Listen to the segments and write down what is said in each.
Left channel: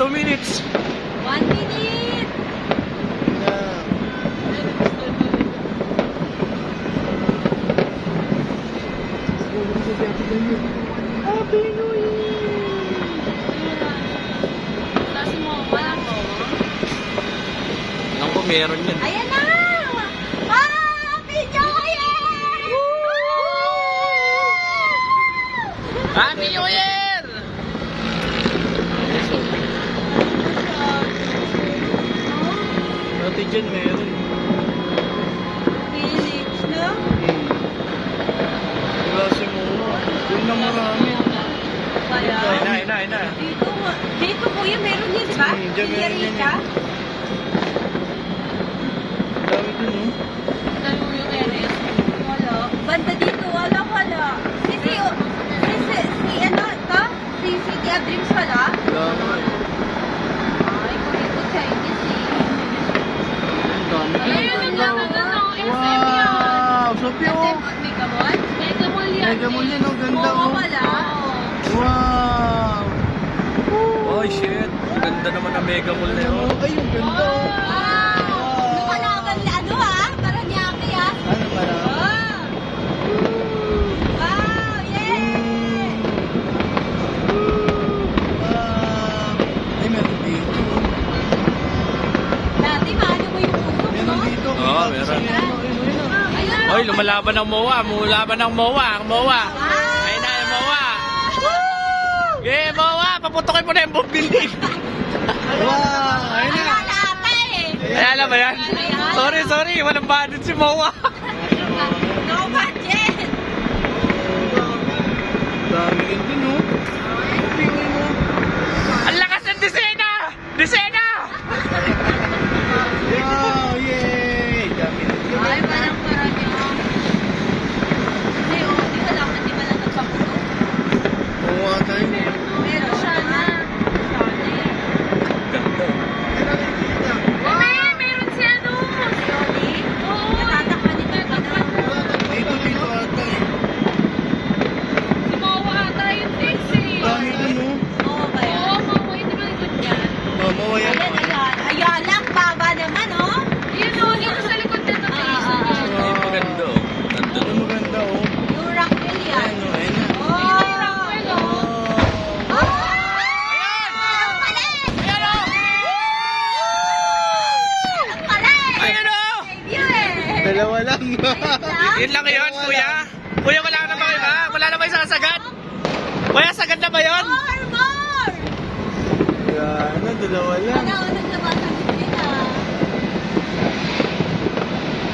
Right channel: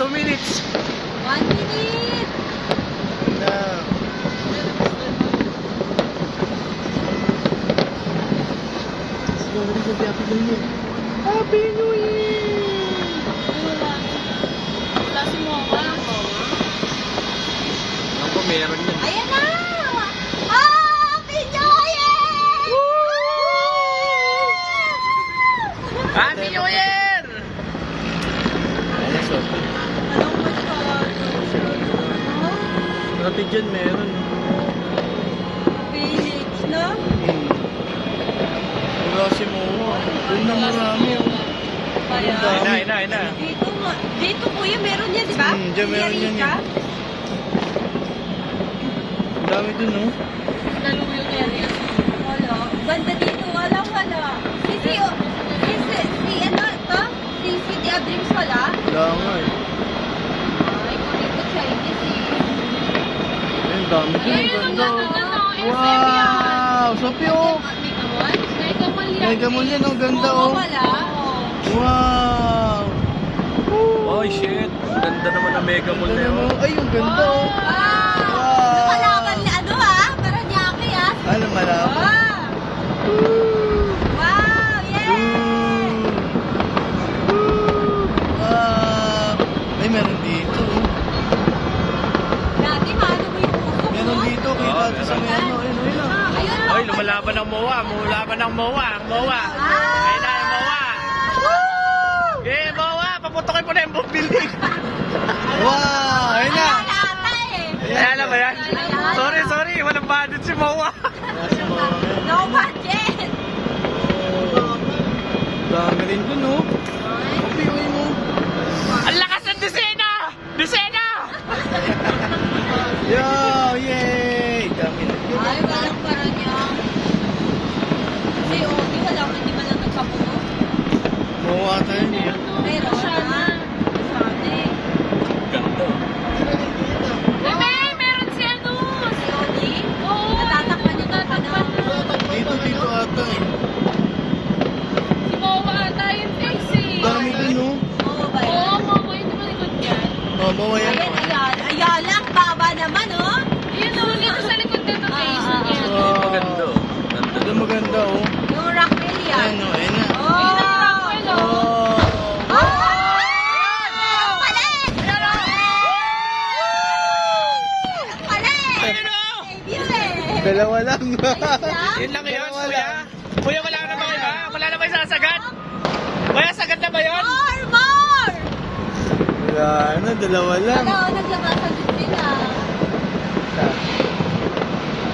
2 minutes. 1 minute. Na. Happy New Year! Wala si Mocha. Alam ko meron yan. Ayan na! Happy New Year! Happy New Year! Dati dyan meron. Minutes, no? Wala si Mura. Doon na marami. Kaya, Ayun na. dito nga. Dito kuya, meron yan, di ba? Diyan meron yan Erika? Ang dami dun, no? Wala. Banda dito, wala. Si ano to? Si Dia Dreams wala? Wala nga eh. Ay, kung dito Chinese eh. Ang dami dun. Ayun lang, Wow! Sophie, oh! Mega Mall? Mega Mall yan, oh. Ganda, Oo, oh. wala. Wow! Oh shit. Ganda naman ang Mega Mall na yun. Ay, ang ganda, oh. Wow! Nakalaban na ano ah? Paranaque ah. Ano marami? Wow! Yay! Ay, meron dito. Dati maano mo yung puso mo? Meron dito. Oo, meron. Ayun. Ay, lumalaban ng MOA. Lumalaban ng MOA. Ang MOA. Ayun na ang MOA. Eh, MOA. Paputokin mo na yung building. Wow! Ayun na! Wala ata eh. Ay, alam ba yan? Sorry. Walang budget si MOA. No budget. Dami rin dun, oh. Tingnan mo. Ang lakas ng Disena! Disena! Yo! Yay! Dami rin dun. Ay, walang Paranaque. Kasi di ba lang nagpapuno? Oo, ata yun, eh. Pero sana. Ganda. Meron si ano? Si Odi? Oo. Natatakpan nito pa na. Dito ata, eh. Si Mowa ata yung face eh. Dami dun, oh. Oo ba yan? Oo, Mowa yung diba likod yan? Mamawa yan. Ayan. Ayan lang, baba naman, oh. Yun o, yun sa likod dito face niya. Ay, maganda. Ganda. Ito maganda, oh. Yung rockmill yan. Ayan, oh. Ayan, oh. Oh. Oh. Meron pala eh. Meron pala eh. Ayun o! Yun eh. Dalawa lang. Yun lang yun, kuya. Kuya, wala na ba iba? Wala na ba yung sasagad? Kuya, sagad na ba yun? More! Yan, oh. Dalawa lang. Ano, naglabasan din sila.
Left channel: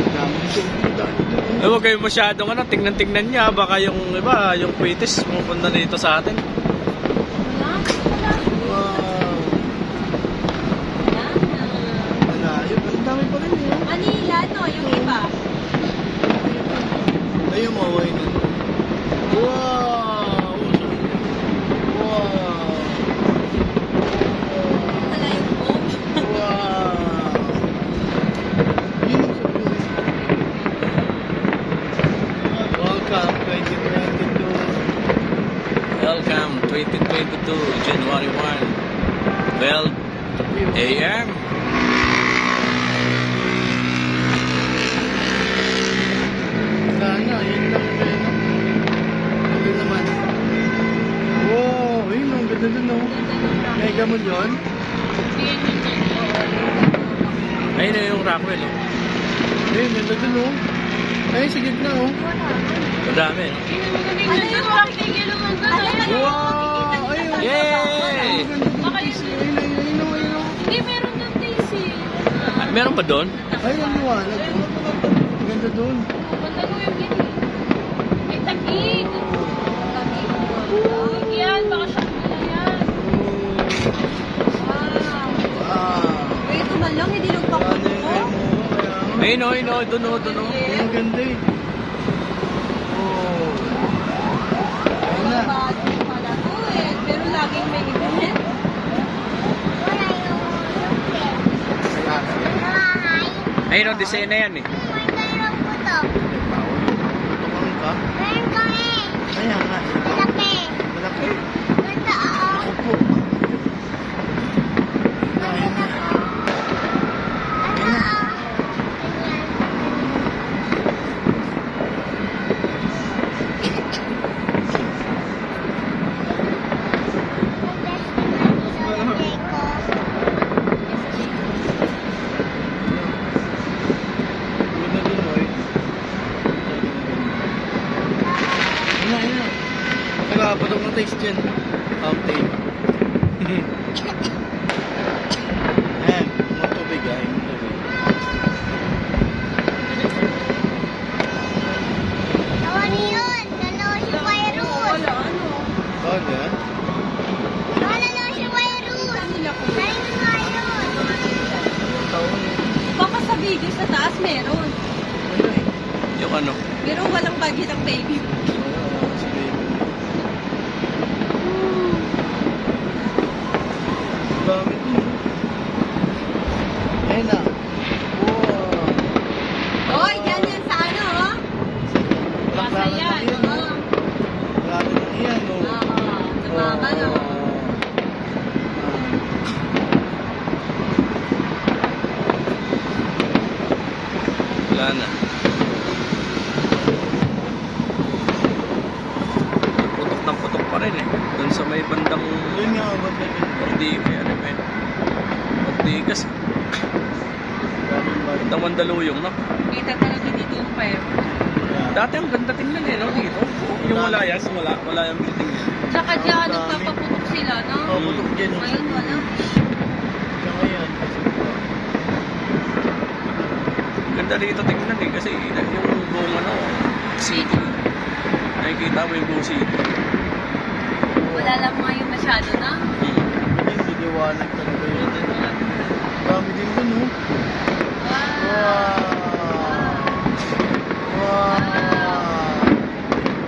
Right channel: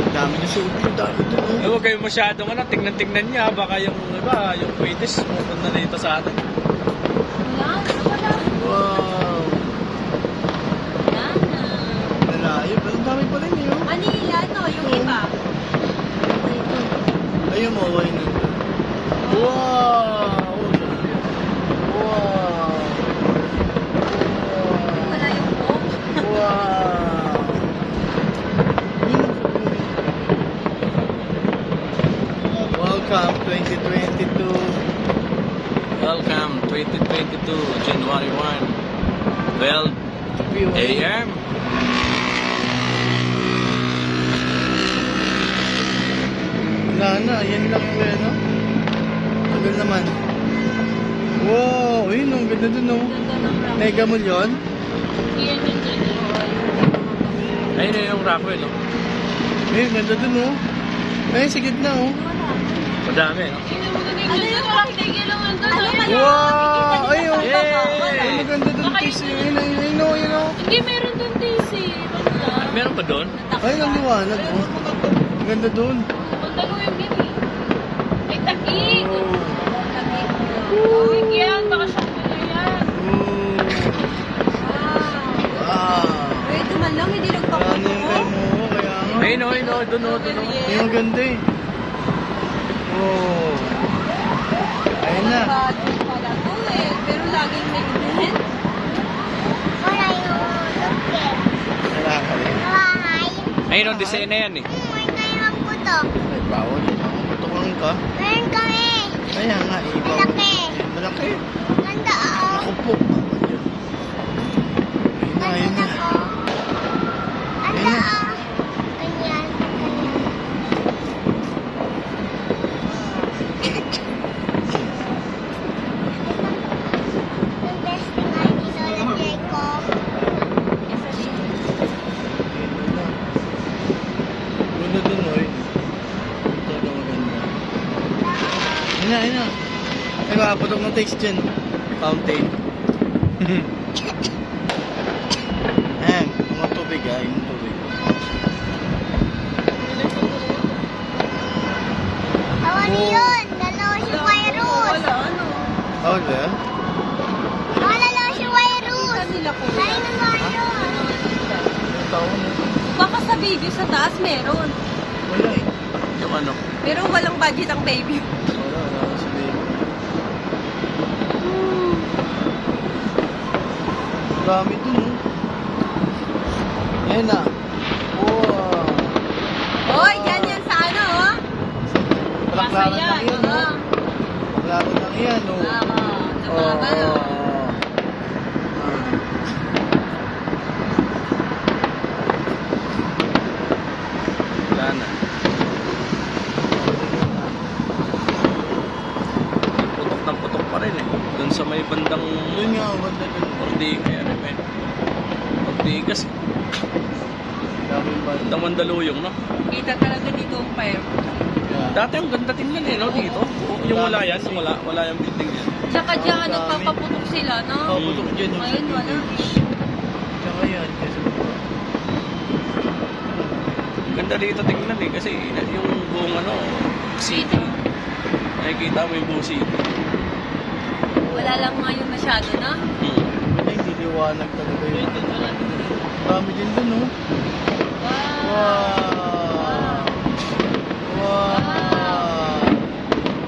Dami na suot ko. Dami dun, oh. Huwag kayo masyadong tingnan niya. Baka yung iba, yung British, pupunta dito sa atin. Wala, wala. Wow. Malayo. Ang dami pa rin, eh. Manila, no, yung iba. Ayun mo, yun. Wow! Sophia. Wow! Wala yung book. Wow! Welcome 2022. Welcome, 2022, January 1, 12 a.m. Sana, yan lang ang ano. Tagal naman. Wow! Ayun, ang ganda dun, oh. Mega Mall yun? Yan yun yan. Ayun na yung Rockwell, no? Ayun, ganda dun, oh. Ayun, sa gitna, oh. Madami, no? Yun ang maganda yung parang tigil lang doon. Wow! Ayun! Yay! Ayun, ang ganda dun, kasi. Ayun, oh, ayun, oh. Hindi meron doon face eh. Basta. Meron pa doon? Ayun, ang liwanag, oh. Ang ganda dun. Punta ko yung gini. May takig. Uy, yan. Baka siya na yan. Uy, tumalong, hindi lugtok Ano yung kay mo? Ayun, doon, doon. Ayun, ang ganda, eh. Oh. Ayun na. Pero laging may event. Wala ka rin. Ayun, ang design na yan, eh. Bawal. Tutulungan ka? Ayan nga. Malaki. Ako po. taste dyan? Fountain. Ayan, mga tubig ah, yung tubig. Tawag yun. Dalawa si Virus. Oh, yan? Dalawa si Virus. Ayun na Virus. Taon. Baka sa video sa taas meron. Wala eh. Yung ano? Pero walang budget ang baby. Wala, wala ako sa baby. Dami dun eh. Ayan na. Wow. Hoy, dyan yan sa ano, oh. Malaklangan lang yan, Oo. oh. Malaklangan lang yan, oh. Sa mga ano. Wala na. Putok ng putok pa rin eh. Doon sa may bandang Yun nga, wag na dun. Ortigas, ano ba yun? Ortigas. Daming bata. Bandang Mandaluyong, no? Kita talaga dito ang fire. Yeah. Dati ang ganda tingnan eh, no? Dito. Yung wala yan, yung wala yung building yan. Tsaka dyan, nagpapaputok sila, no? Oh, putok dyan, oh. Ayun, wala. Tsaka yan, kasi Ganda dito tingnan eh, kasi yung buong ano, city. Nakikita mo yung buong city. Wala lang ngayon masyado, no? Hmm. Yung biliwanag talaga yun. Dami din dun, oh. Wow! Wow!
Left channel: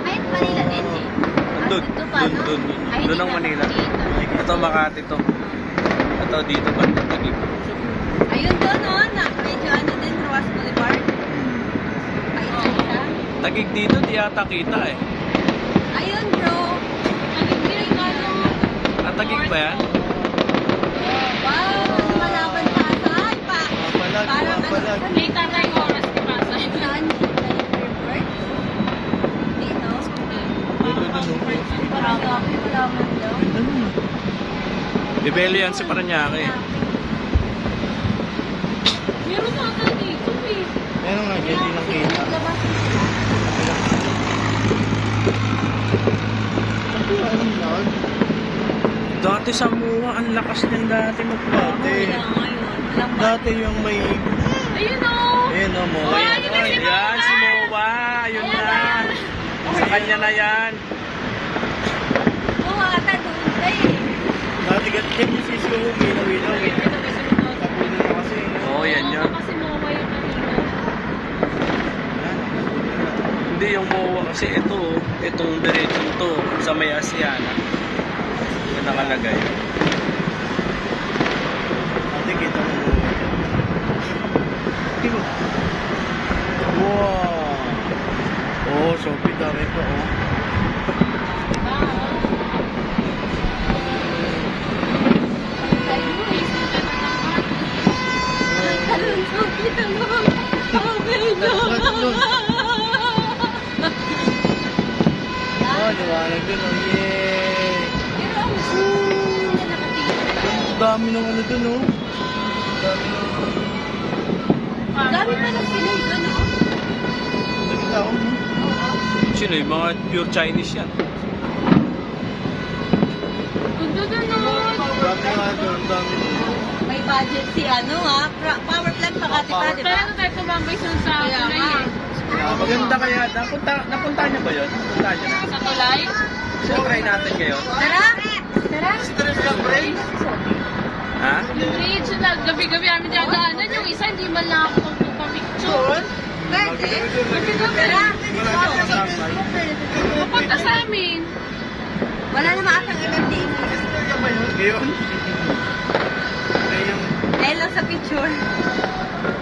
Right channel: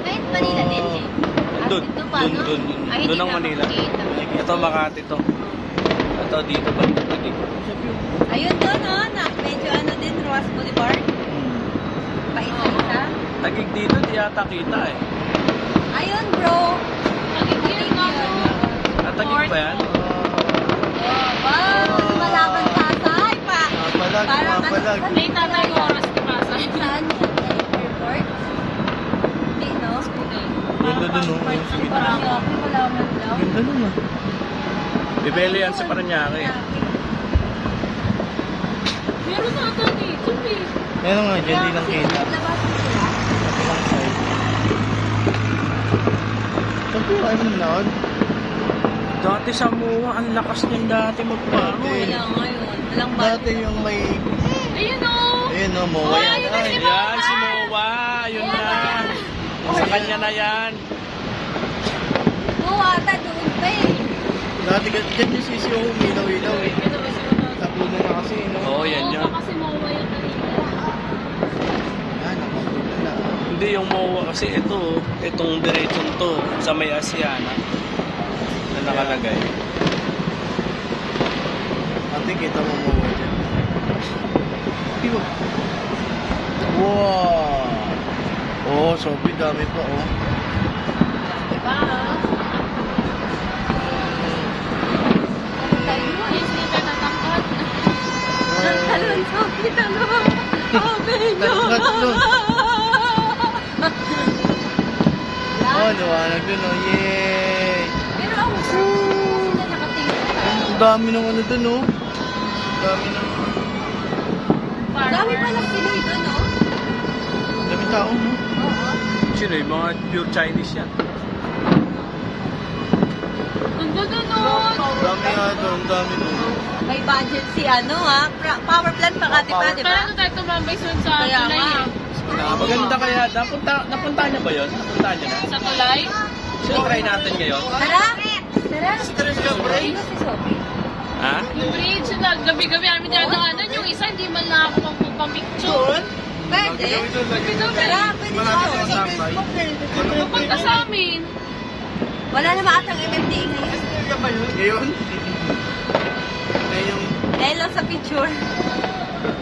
Kahit Manila din, eh. Nandun, Ito pa, dun, no? dun. Ay, Dun hindi ang na Manila. makikita. Ito Makati to. Ito dito banda Taguig. Ayun doon, no? Na, medyo ano din, Roas Boulevard. Paisa-isa. Taguig dito, di yata kita eh. Ayun, bro. Taguig ba yan? Wow, malaman tatay pa. Mapalag, mapalag. May tatay ko, oras ka pa sa Saan? Airport? Hindi, no? Ganda dun, oh. Parang ako, malaman daw. Ganda dun, ah. Libelo yan sa Paranaque. Meron ata dito eh. Meron nga, dyan din ang kita. Sabi ko, anong lag? Dati sa MUA, ang lakas niyan dati magpano Dati. eh. Wala ngayon. Walang Dati yung may... Ayun o. Ayun, oh, mo. Yan, si MUA, ayun na. Sa kanya na yan. Oo, ata doon pa eh. Dati ganyan yung sisi ko, ilaw-ilaw eh. Tapunan na kasi, no? Oo, yan yun. Kasi mawa yung kanina. Yan, nagtapunan na. Hindi, yung MUA kasi itong diretsyon to, sa may Asiana, na nakalagay. Ate, kita mo mo. Tingko. Wow! Oh, Sophie, dami pa, oh. Diba? Isita na naman. Talon, sobrang tanong. Tatlo. Oh, liwanag yun, oh. Yay! Pero ang sila nakatingin. Ang dami ng ano dun, oh. Dami ng... Dami pa ng Pinoy doon, no? Dami tao, oh. Oo. Sino yung mga pure Chinese yan? Nandun nun. Dami nga doon, dami doon. May budget si ano, ha? Power plant Makati pa, di ba? Kaya tayo tumambay sun sa Kaya tulay nga. eh. Maganda kaya, napunta niyo ba yun? Napunta niyo na? Sa tulay? So, try natin ngayon. Tara! Tara! Stress ka, pre. Si Sophie. Ha? Yung bridge na gabi-gabi namin dadaanan. Yung isa hindi man lang ako magpapicture. Pwede. Gabi-gabi. Marami ka kasabay. Pupunta sa amin. Wala naman atang MMDA ngayon. Ngayon? Ngayon, Dahil lang sa picture.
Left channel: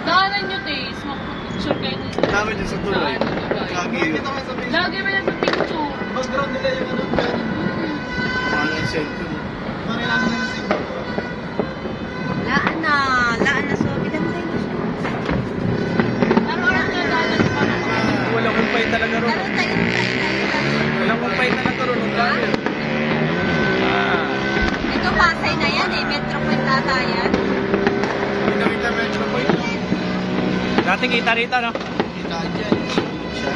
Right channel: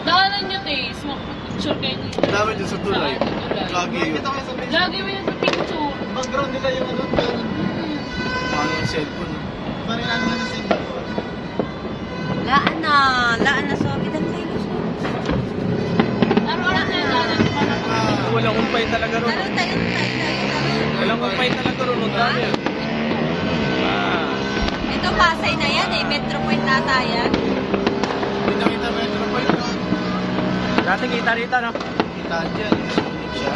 Daanan nyo, Taze. Magpapicture kayo nito. dami dyan sa tulay. Lagi yun. Lagi mo yung picture. Background nila yung ano. Ano yung cellphone? Pare namin na signal. Laan na Sophie. Damo kayo na siya. Laro-laro na yun. Walang kumpay talaga ron. Laro Oh. tayo. Walang kumpay talaga ron. Ang dami. Oh. Ah. Ito Pasay na yan eh. Metro Point ata yan. Kita medyo na pa yun. Dating kita rito, no? Kita dyan. Siya.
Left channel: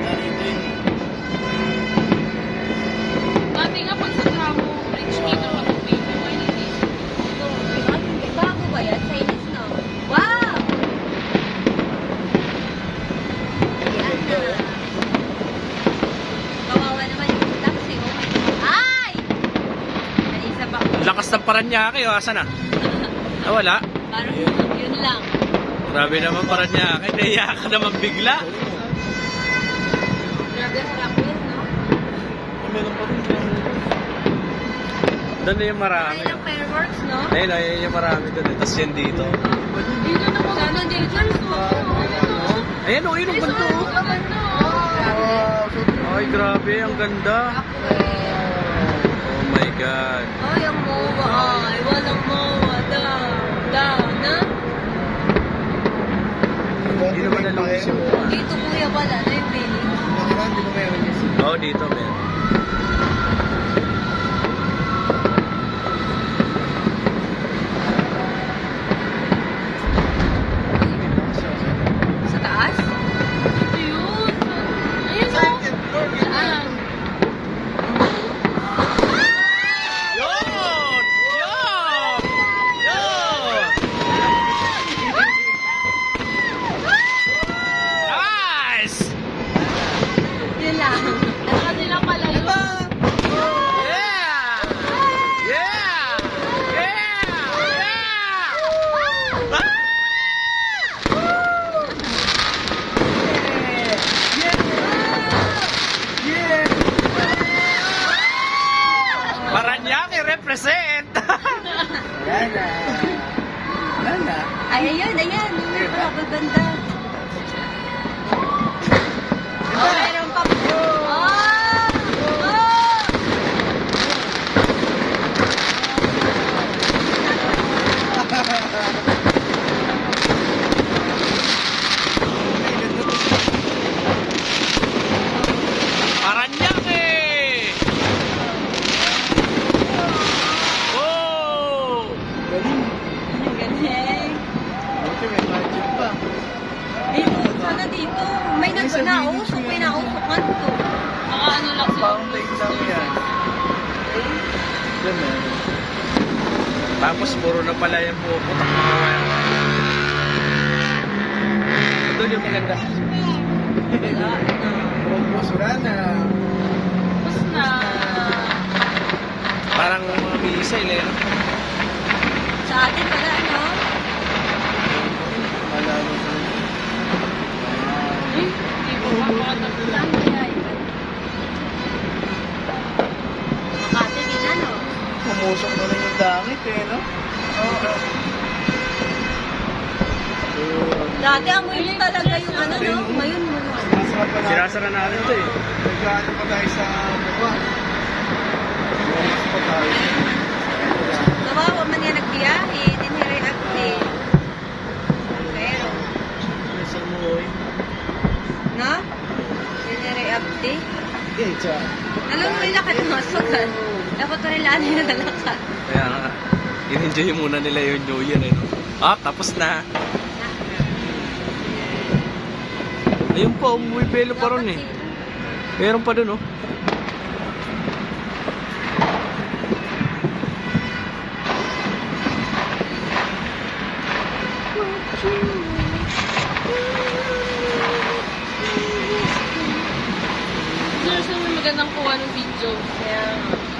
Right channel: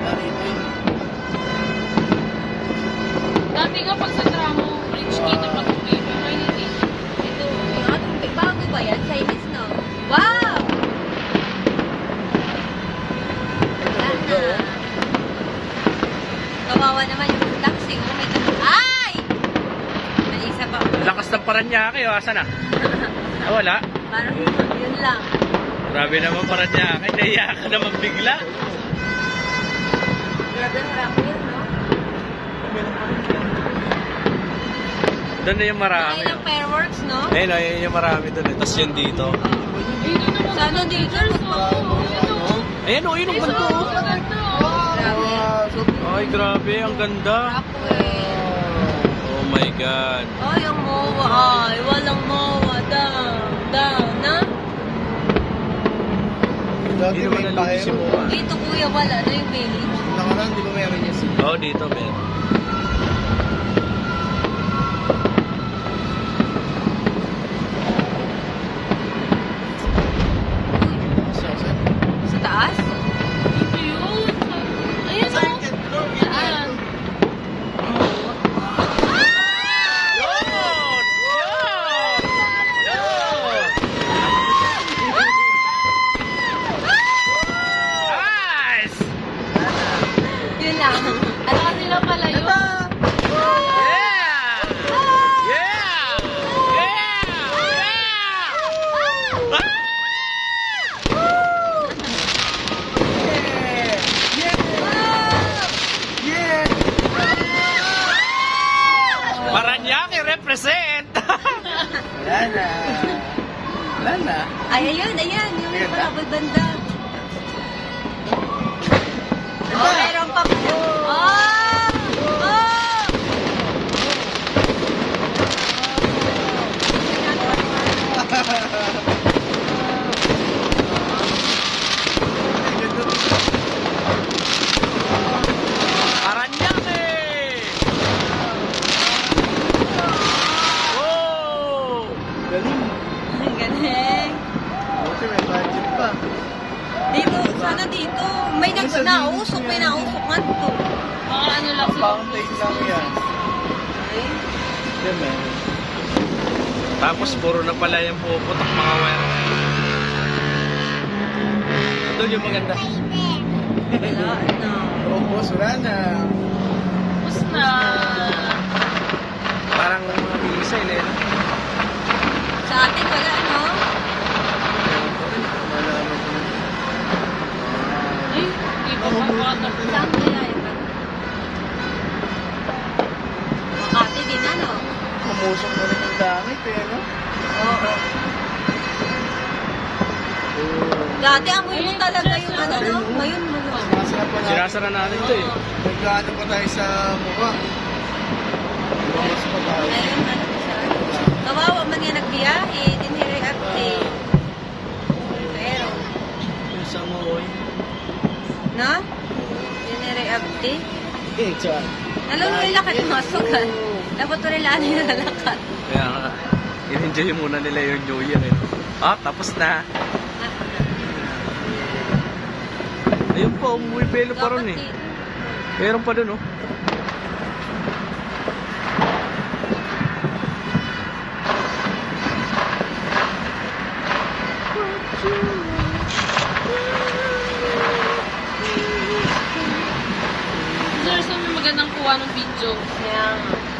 Narito yun. Dati nga dito pa ng baby. Ay, hindi. Ito, bago ba yan? Chinese, no? Wow! Wala na. Kawawa naman yung taxi. Ay! May isa pa. Lakas ng Paranaque, oh. Asa na? Wala. Parang yun lang. Grabe naman Paranaque. Nahiya ka naman bigla. Grabe harap yun, no? Meron pa rin. Doon na yung marami, Ay, oh. fireworks, no? Ayun, oh, yun yung marami doon. Tapos yan dito. Dito na po. Sana dito, no? Ayan, oh, yun ang ganda, oh. Ay, grabe, ang ganda. Oh my God. Ay, ang mowa. Ay, walang mowa. Na? Hindi naman nalungkot si Moa. Dito, kuya, wala na yung village. Nakaraan, di ba meron yung Oo, oh, dito meron. Sa taas? Dito yun. Ayun, oh. Ayan. Yun! Yun! Yun! Nice! Yun lang. Saan nila pala yun? Yeah! Yeah! Yeah! Yeah! Ah! Paranaque represent! Wala na. Wala na. Ay, ayun. Yung may pabaganda. Meron pa. Paranaque! Oh! Galing. Ang galing. Buti may budget pa. Dito, sana dito. May nausok nga to. Mga ano lang sila. Fountain lang yan. Yan meron. Tapos puro na pala yung puputok mga wire. Doon yung maganda. Wala. Robos, wala na. Tapos na. Parang mga minisay, eh. No? Sa atin wala, no? Meron pa rin. Malaro pa rin. Wow. Ay, di ko makakata. Saan kaya yun? Makati din, ano? Pumusok na rin yung langit eh, no? Oo. Dati amoy mo talaga yung ano, Dati, no? no? Ngayon, Sinasarap pa natin. Sinasara natin to eh. Nagano pa tayo sa mukha. Bumamas pa tayo. Wala. kawawa man yan nagbiyahe, dinire at pero, Nasa moy. no? Dinire at Incha. alam mo yung lakad mo, sukat. Dapat ko nila ano yung lakad. Kaya nga, in-enjoy muna nila yung New Year eh. No? Ah, tapos na. Ayun pa, umuwi pelo pa ron eh. Meron pa dun oh. There's yung magandang kuha ng video. Kaya,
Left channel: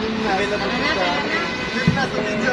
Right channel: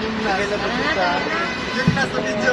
Kailan ba punta? Hindi ka sa video.